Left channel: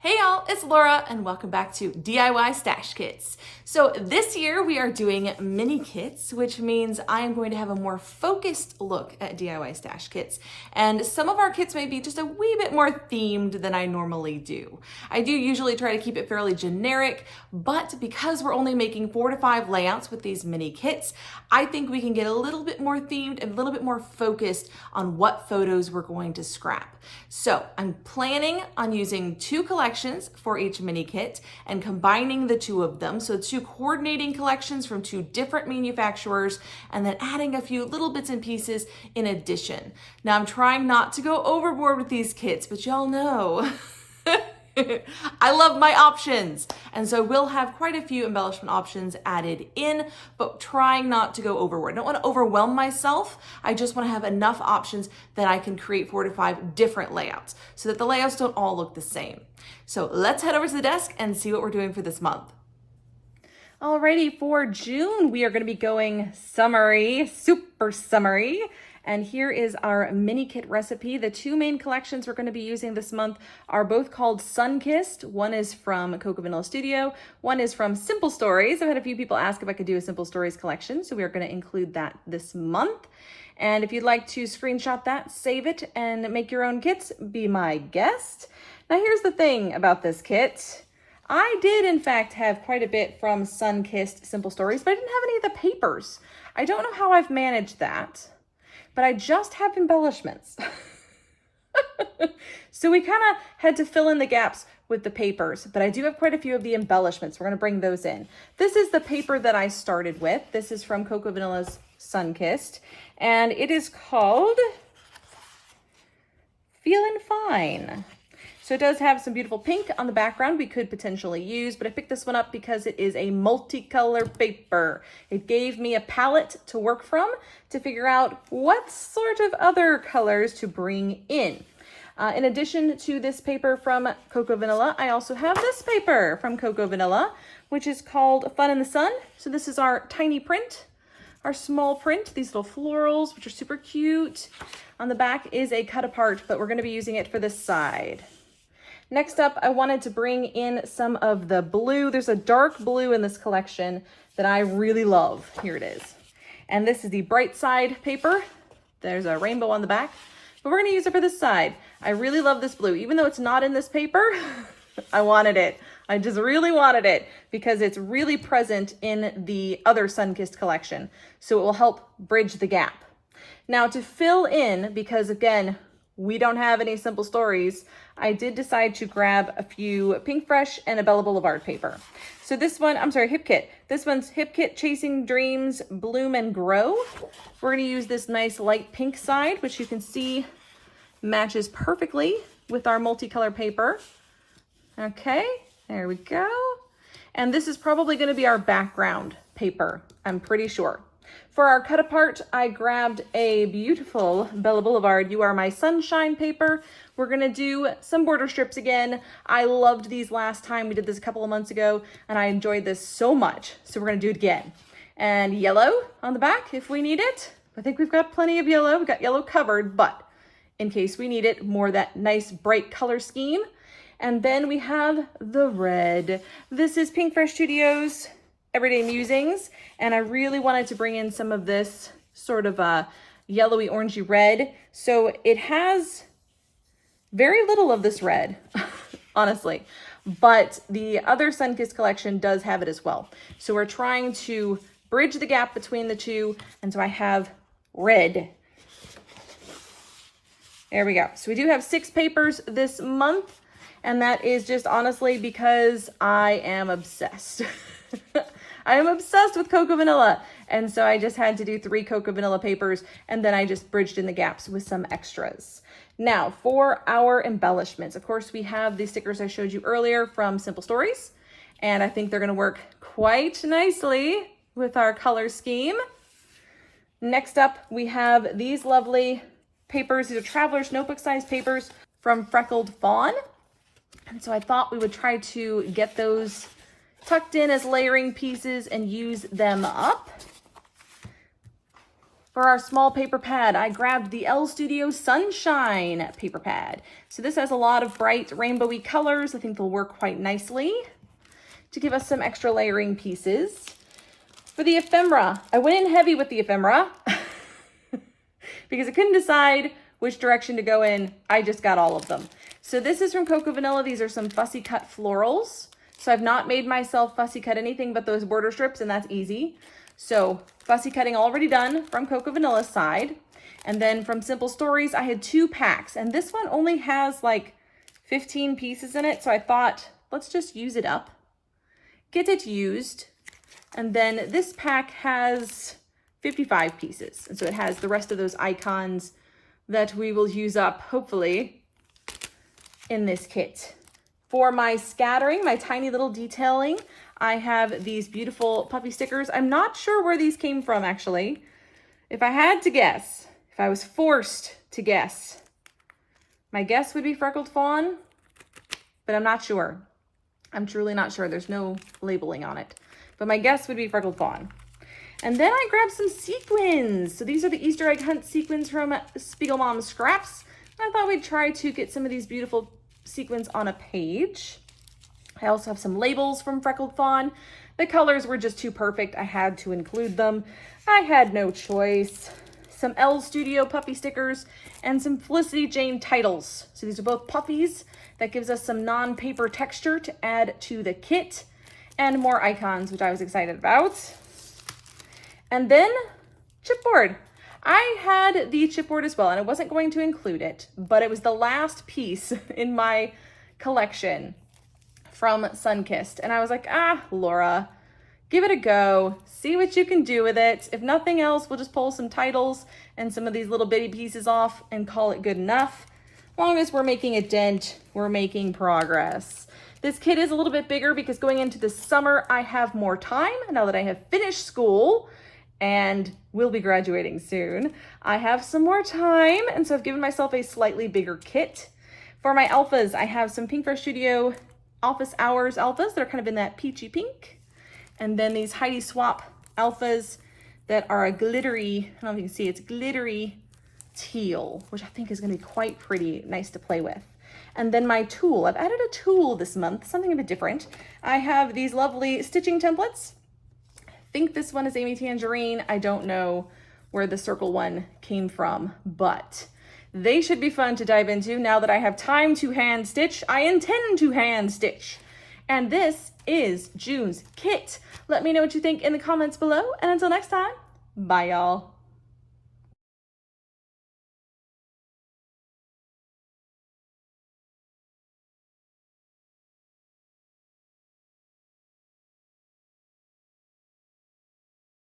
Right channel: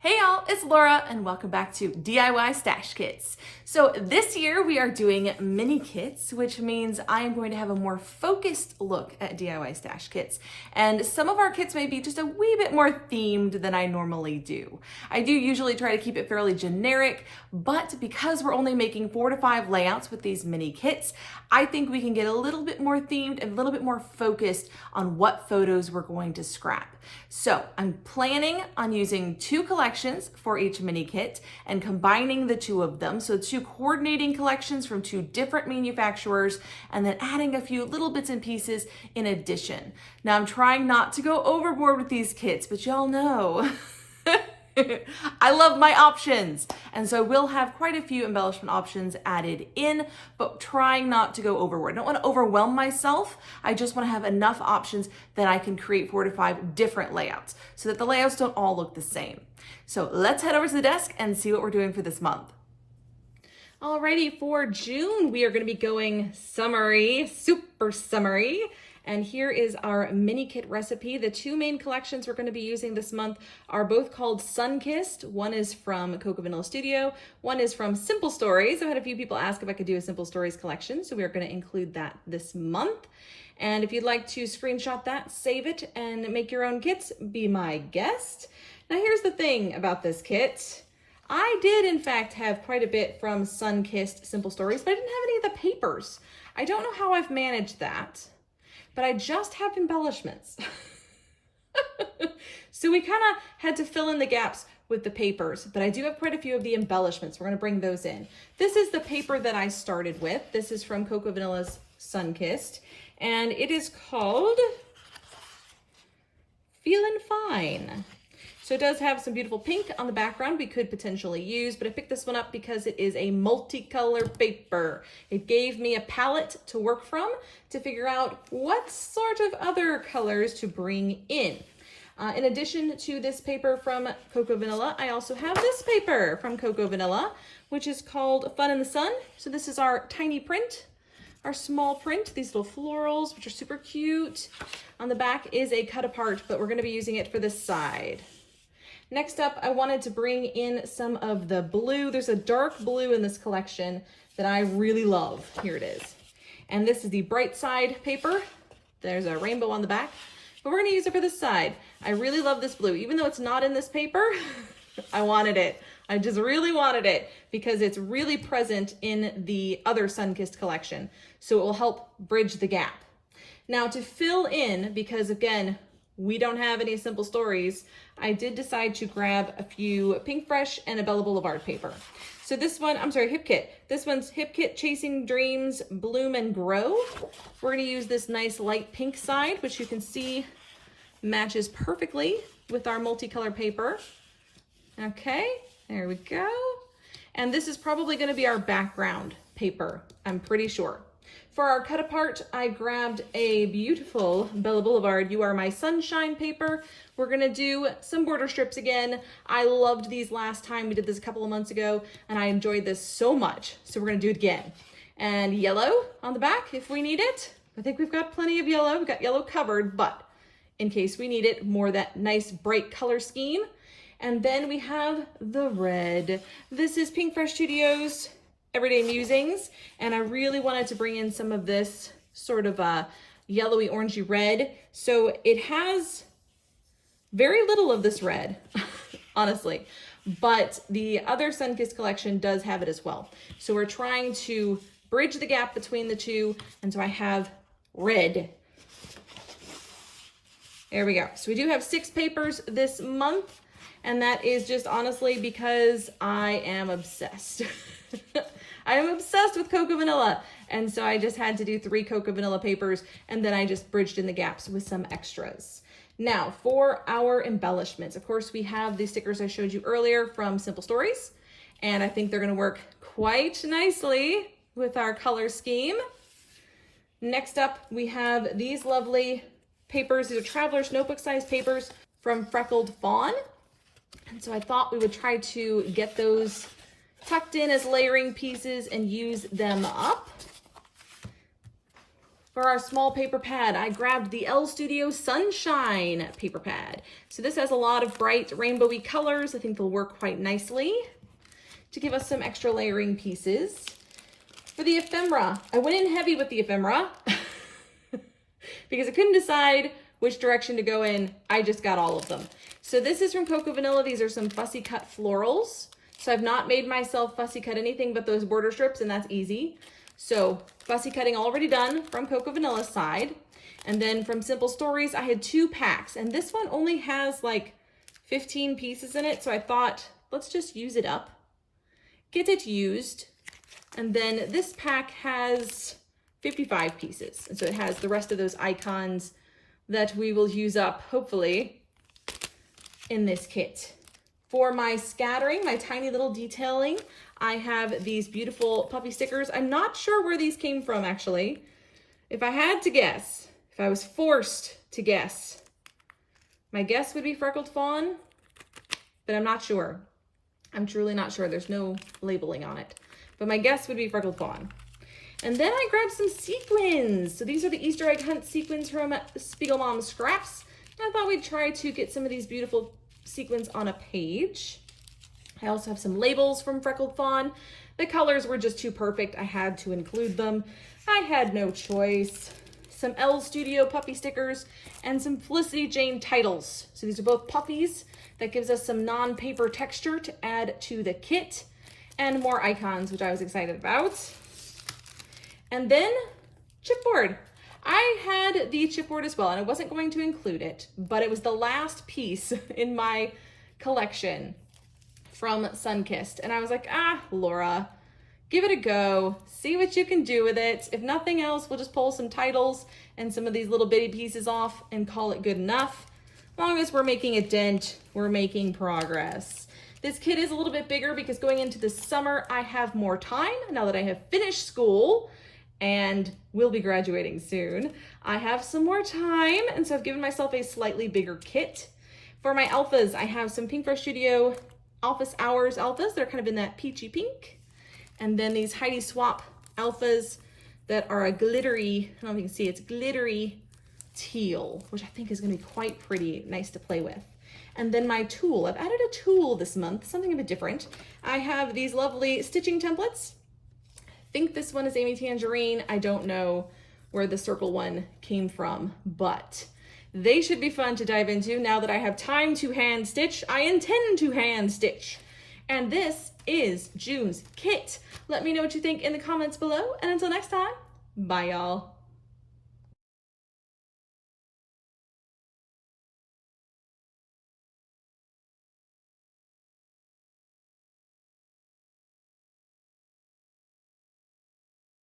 Hey y'all, it's Laura and welcome back to DIY Stash Kits. So this year we are doing mini kits, which means I am going to have a more focused look at DIY stash kits. And some of our kits may be just a wee bit more themed than I normally do. I do usually try to keep it fairly generic, but because we're only making 4 to 5 layouts with these mini kits, I think we can get a little bit more themed and a little bit more focused on what photos we're going to scrap. So I'm planning on using 2 collections for each mini kit and combining the 2 of them. So 2 coordinating collections from 2 different manufacturers and then adding a few little bits and pieces in addition. Now I'm trying not to go overboard with these kits, but y'all know I love my options. And so we'll have quite a few embellishment options added in, but trying not to go overboard. I don't want to overwhelm myself. I just want to have enough options that I can create 4 to 5 different layouts so that the layouts don't all look the same. So let's head over to the desk and see what we're doing for this month. Alrighty, for June, we are going to be going summery, super summery. And here is our mini kit recipe. The 2 main collections we're going to be using this month are both called Sunkissed. One is from Cocoa Vanilla Studio. One is from Simple Stories. I've had a few people ask if I could do a Simple Stories collection, so we are going to include that this month. And if you'd like to screenshot that, save it, and make your own kits, be my guest. Now here's the thing about this kit. I did in fact have quite a bit from Sunkissed Simple Stories, but I didn't have any of the papers. I don't know how I've managed that, but I just have embellishments. So we kind of had to fill in the gaps with the papers, but I do have quite a few of the embellishments. We're gonna bring those in. This is the paper that I started with. This is from Cocoa Vanilla's Sunkissed, and it is called Feelin' Fine. So it does have some beautiful pink on the background we could potentially use, but I picked this one up because it is a multicolor paper. It gave me a palette to work from to figure out what sort of other colors to bring in. In addition to this paper from Cocoa Vanilla, I also have this paper from Cocoa Vanilla, which is called Fun in the Sun. So this is our tiny print, our small print, these little florals, which are super cute. On the back is a cut apart, but we're gonna be using it for this side. Next up, I wanted to bring in some of the blue. There's a dark blue in this collection that I really love. Here it is. And this is the bright side paper. There's a rainbow on the back, but we're gonna use it for this side. I really love this blue. Even though it's not in this paper, I wanted it. I just really wanted it because it's really present in the other Sunkissed collection. So it will help bridge the gap. Now to fill in, because again, we don't have any Simple Stories, I did decide to grab a few Pink Fresh and a Bella Boulevard paper. So this one, I'm sorry, Hip Kit. This one's Hip Kit Chasing Dreams Bloom and Grow. We're gonna use this nice light pink side, which you can see matches perfectly with our multicolor paper. Okay, there we go. And this is probably gonna be our background paper, I'm pretty sure. For our cut apart, I grabbed a beautiful Bella Boulevard You Are My Sunshine paper. We're gonna do some border strips again. I loved these last time. We did this a couple of months ago and I enjoyed this so much. So we're gonna do it again. And yellow on the back if we need it. I think we've got plenty of yellow. We've got yellow covered, but in case we need it, more that nice bright color scheme. And then we have the red. This is Pink Fresh Studios Everyday Musings. And I really wanted to bring in some of this sort of a yellowy orangey red. So it has very little of this red, honestly, but the other Sunkissed collection does have it as well. So we're trying to bridge the gap between the 2. And so I have red. There we go. So we do have 6 papers this month, and that is just honestly because I am obsessed. I am obsessed with Cocoa Vanilla. And so I just had to do 3 Cocoa Vanilla papers, and then I just bridged in the gaps with some extras. Now for our embellishments, of course, we have the stickers I showed you earlier from Simple Stories, and I think they're gonna work quite nicely with our color scheme. Next up, we have these lovely papers. These are Traveler's Notebook size papers from Freckled Fawn. And so I thought we would try to get those tucked in as layering pieces and use them up. For our small paper pad, I grabbed the L Studio Sunshine paper pad. So this has a lot of bright rainbowy colors. I think they'll work quite nicely to give us some extra layering pieces. For the ephemera, I went in heavy with the ephemera because I couldn't decide which direction to go in. I just got all of them. So this is from Cocoa Vanilla. These are some fussy cut florals. So I've not made myself fussy cut anything but those border strips, and that's easy. So fussy cutting already done from Cocoa Vanilla's side. And then from Simple Stories, I had 2 packs, and this one only has like 15 pieces in it. So I thought, let's just use it up, get it used. And then this pack has 55 pieces. And so it has the rest of those icons that we will use up, hopefully, in this kit. For my scattering, my tiny little detailing, I have these beautiful puppy stickers. I'm not sure where these came from, actually. If I had to guess, if I was forced to guess, my guess would be Freckled Fawn, but I'm not sure. I'm truly not sure. There's no labeling on it, but my guess would be Freckled Fawn. And then I grabbed some sequins. So these are the Easter egg hunt sequins from Spiegel Mom Scraps. I thought we'd try to get some of these beautiful sequins on a page. I also have some labels from Freckled Fawn. The colors were just too perfect. I had to include them. I had no choice. Some L Studio puppy stickers and some Felicity Jane titles. So these are both puppies. That gives us some non-paper texture to add to the kit, and more icons, which I was excited about. And then chipboard. I had the chipboard as well, and I wasn't going to include it, but it was the last piece in my collection from Sunkissed. And I was like, Laura, give it a go. See what you can do with it. If nothing else, we'll just pull some titles and some of these little bitty pieces off and call it good enough. As long as we're making a dent, we're making progress. This kit is a little bit bigger because going into the summer, I have more time now that I have finished school and will be graduating soon. I have some more time, and so I've given myself a slightly bigger kit. For my alphas, I have some Pink Fresh Studio Office Hours alphas that are kind of in that peachy pink. And then these Heidi Swap alphas that are a glittery, I don't know if you can see, it's glittery teal, which I think is gonna be quite pretty, nice to play with. And then my tool, I've added a tool this month, something a bit different. I have these lovely stitching templates. I think this one is Amy Tangerine. I don't know where the circle one came from, but they should be fun to dive into now that I have time to hand stitch. I intend to hand stitch. And this is June's kit. Let me know what you think in the comments below. And until next time, bye y'all.